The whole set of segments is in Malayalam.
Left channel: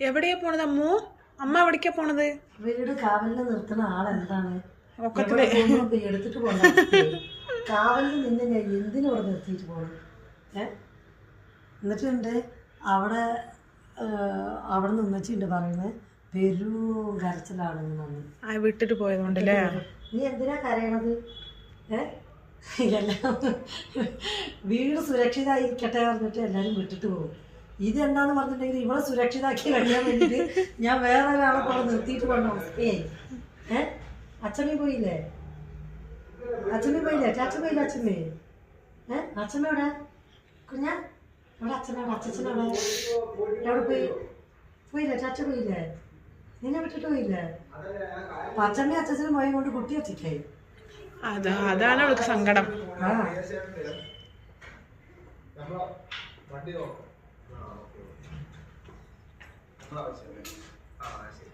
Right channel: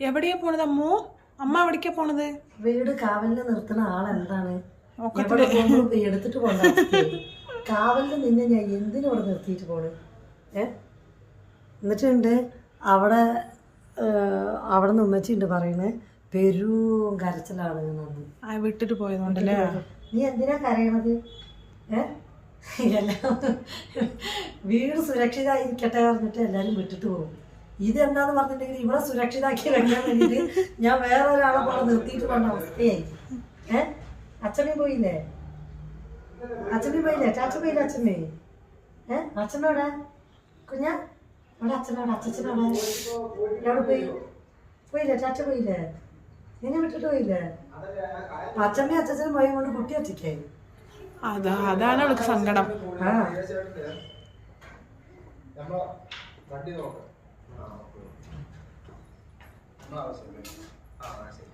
എവിടെയാ പോണത് അമ്മു? അമ്മ എവിടേക്കാ പോണത്? വീട് കാവലിന് നിർത്തുന്ന ആളെന്താണ്? ഒക്കത്തിൽ. എടുത്തിട്ട് പോകണ്ട കാവലിന് നിന്നെ ഞാൻ എന്തിനും അവിടെ നിർത്തിയിട്ട് പോണു? ഏ? എന്നിട്ടുണ്ട് അവിടെ അവിടെ നിന്ന് ഉമ്മച്ചിണ്ട് പറയുന്നത് പെരും കരച്ചിലാണ് ആ വിട്ടിട്ട് പോയതുകൊണ്ടല്ലേ? നീ എന്തിനാ കരയണത്? ഏ? എല്ലാം വീട് സുരക്ഷിതമായിരിക്കട്ടെ പറഞ്ഞിട്ട് എല്ലാരും വിട്ടിട്ട് പോകും. ഇതെന്താന്ന് പറഞ്ഞിട്ടുണ്ടെങ്കിൽ ഇവിടെ സുരക്ഷിതാക്കി വെക്കാൻ വേണ്ടിയിട്ട് ഞാൻ വേറെ ഒരാളെ പോലെ നിർത്തിയിട്ട് വേണം അവസ്ഥയായി ഏ? അച്ഛമ്മ പോയില്ലേ? അച്ഛമ്മ പോയില്ലേ? ചാച്ച പോയില്ലേ അച്ഛമ്മ? ഏ അച്ഛനോടെ കുഞ്ഞ? അവിടെ അച്ഛനോടെ അച്ഛനോടെ എവിടെ പോയി? പോയില്ലേ? ചാച്ച പോയില്ലേ? നിന്നെ വിട്ടിട്ട് പോയില്ലേ? അച്ഛമ്മയും അച്ഛനും പോയി കൊണ്ട് കുട്ടി ഒറ്റയ്ക്കായി അതാ അതാണ് അവൾക്ക് സങ്കടം. ആ. വണ്ടി നോക്കാം. ആവശ്യമല്ലേ ആ ശരി.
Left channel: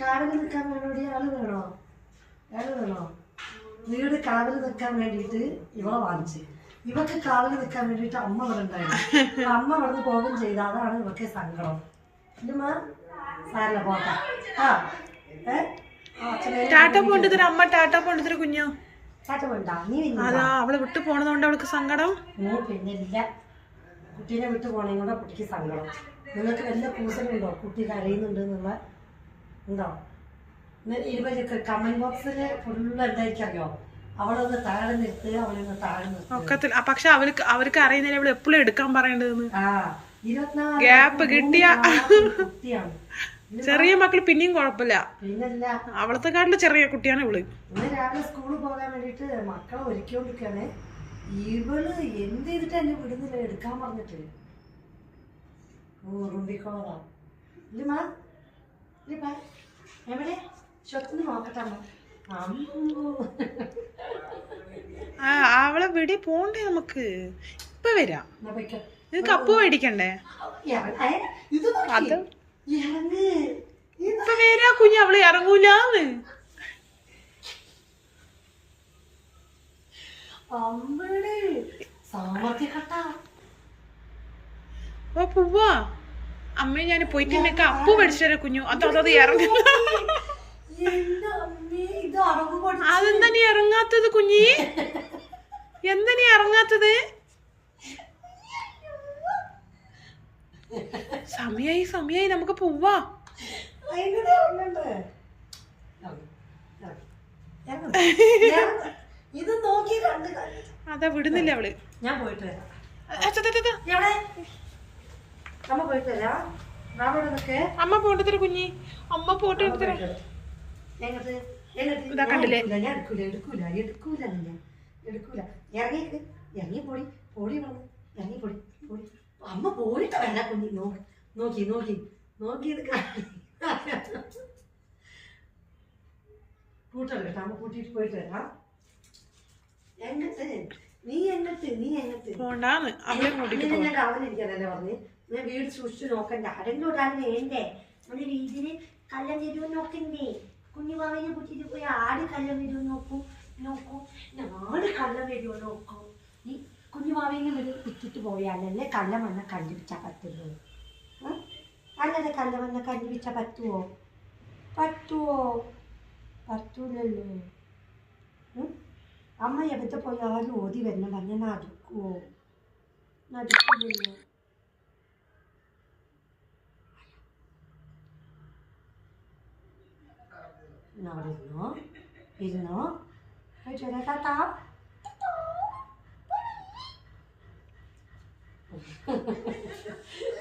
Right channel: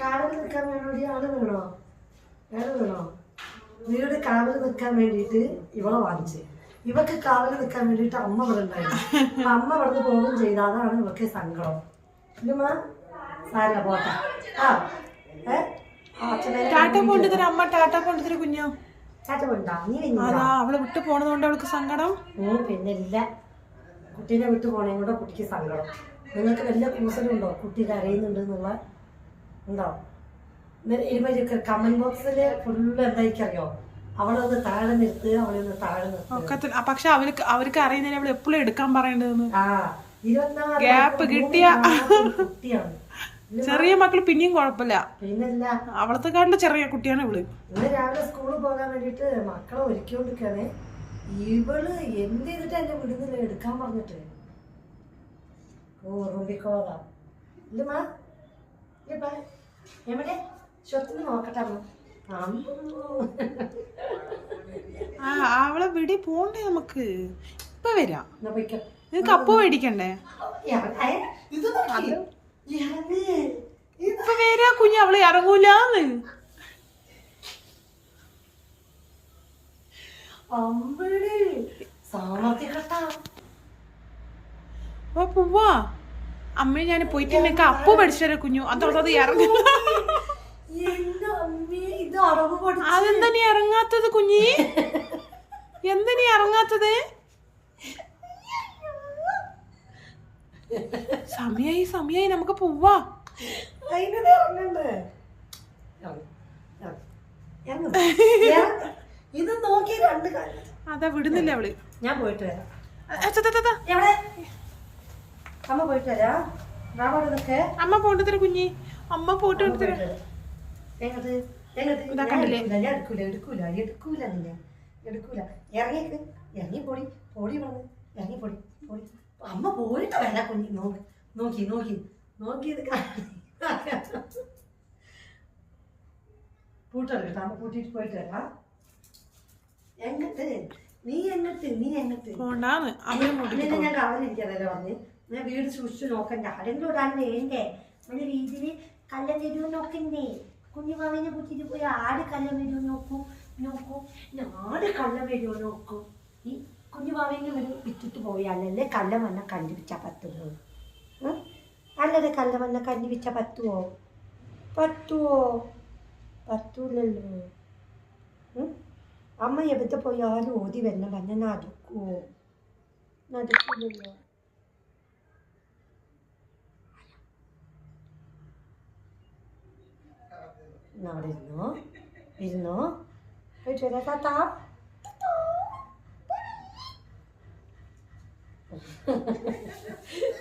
കാവൽ നിൽക്കാൻ വേണ്ടി ആൾ വേണോ? ആൾ വേണോ? വീട് കാവൽ നിൽക്കാൻ വേണ്ടിയിട്ട് ഇവളെ വാങ്ങിച്ച്. ഇവക്ക് കാവൽ നിൽക്കാൻ വേണ്ടിയിട്ട് അമ്മ ഇവിടെ ഉണ്ടായിരുന്നു. അമ്മ ഇവിടുന്ന് പോകും ചെയ്ത അതാണ് ഇവക്ക് സങ്കടം. സാരില്ല പോട്ടെ. ആ ടാറ്റ പോണ്ടിത്തര അമ്മ ടാറ്റ പോണ്ടിത്തര കുഞ്ഞോ? അതാ അവളെ വിട്ടു പോണതുകൊണ്ട് അവൾക്ക് സങ്കടം. പിന്നെ ഇല്ല കുട്ടീനെ വിട്ടു പോണേം കൂടെ കുട്ടിക്ക് സങ്കടം. നിങ്ങൾക്ക് വല്ല കൂസലുണ്ടോ? കുട്ടി കരയുന്നുണ്ട് എന്നുള്ള? ഉണ്ടോ? ഇരുപത് കമന്റ് ബോക്സിൽ ഫുള്ള് എന്തായിരിക്കും അറിയോ അവളെ താഴെ നിർത്തുക അവളൊന്ന് താഴെ നിർത്തുക പക്ഷെ അവർക്ക് അവർക്ക് അറിയുന്നതിന് അവൾ എപ്പോഴും എടുക്കാൻ പറയേണ്ടതെന്ന്? ഗ്യാപ്പ് കിട്ടിയ. കുട്ടിയാണ്. ചെറിയ മക്കൾ പിന്നെയും കുഴപ്പമില്ല. പിന്നല്ല അവളത്തെ കാട്ടിൽ ചെറിയ കുട്ടിയാണ് ഇവൾ. ഇന്ന് രാവിലെ സ്കൂളിൽ പോകാൻ വേണ്ടിട്ട് മക്കളെ ഒരുക്കിക്കൊണ്ടിരിക്കുകയാണ് ഇവൾ എന്ത് ചെയ്തിട്ട് എന്നെ വിടുന്നില്ല? എടുക്കാൻ പറഞ്ഞിട്ട്. ഓ റൂബിക്കോളതാ ഇല്ലമ്മാ ഇല്ലപ്പാ എവിടെ? ഷൊത്തിന് നോക്കട്ടെ അവളെ വെടി പോണ്ടേ നമുക്ക്? ഇപ്പൊ വരാം. നിനക്ക് അപ്പു മേടിക്കണ്ടേ? അതും ഇപ്പൊ വരാ കുഞ്ഞ് അവൾ ഇറങ്ങൂലാന്ന്. ഓ പൂവാ. അമ്മ ഞാൻ പോയിട്ടുണ്ടെങ്കിൽ അപ്പു മേടിച്ചേരാ കുഞ്ഞു. അതോ അതോ ഇറങ്ങി. അതെന്താ നീ ഇറങ്ങാത്തത് കുഞ്ഞി? എന്താ നീ ഇറങ്ങാത്തത്? സമയായി സമയായി നമുക്ക് പോവാ. അതാ വിടുന്നില്ല അവൾ. ഞാൻ പോയിട്ട് വരാം. അമ്മ പോയിട്ട് വരാം. അമ്മ പോണ്ടത്തര കുഞ്ഞി. അമ്മ പോയിട്ട് എങ്ങോട്ട് ഇതാ കണ്ടില്ലേ? എടുക്കൂല എടുക്കൂല എടുക്കൂല എടുക്കൂല ഇറങ്ങിക്ക് ഇറങ്ങി പൊടി പൊടി വന്ന് ഇറങ്ങി പൊടി പോടി അമ്മ പോയിട്ട് വേണ്ട കുഞ്ഞി നോക്കി. നോക്കി നോക്കി നോക്കി ഇത് പൂട്ടെടുക്കട്ടെ അമ്മ പൂട്ടിയിട്ട് പോയിട്ട് വരാം. എങ്ങട്ട്? നീ എങ്ങട്ട് നീ എങ്ങട്ട്? പോ ഞാൻ കവലിരിക്കാനല്ലേ പറഞ്ഞ്? ഞാൻ വീട് സൂക്ഷിച്ചു നോക്കണ്ട. ആരെങ്കിലും ഒരാൾ വേണ്ടേ? നമ്മുടെ വീട്ടിൽ കല്ലം വരുമോ നോക്കണ്ടേ? കുഞ്ഞുമാവിനെ കുത്തിട്ട് പോയി ആട് കല്ലം വരുമോ നോക്കൂ നോക്കൂ. ആട് കല്ലം വരുമോ നോക്കൂ. നീ കുഞ്ഞുമാവിനെ ഒരു വിറ്റിട്ട് പോയാലല്ലേ കല്ലം വന്ന കണ്ടുപിടിച്ചാൽ പത്തുള്ളൂ? അല്ലല്ലേ കല്ലം വന്ന കണ്ടുപിടിച്ചാൽ പറ്റുമോ പറ്റുമോ പറ്റൂലല്ലോ? അമ്മ എവിടെ പോയാലും ഓതി വരണം. പറഞ്ഞാൽ നടുക്കുമോ നടുക്കില്ലല്ലോ അവിടെ ഇരുന്നോ? ഇരുന്നോ? പോയിട്ട് വരാം താത്താ.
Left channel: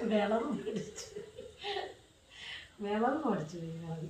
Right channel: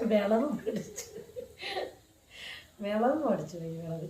വിളവും പഠിച്ചു വിളവും പഠിച്ചു വിളവ്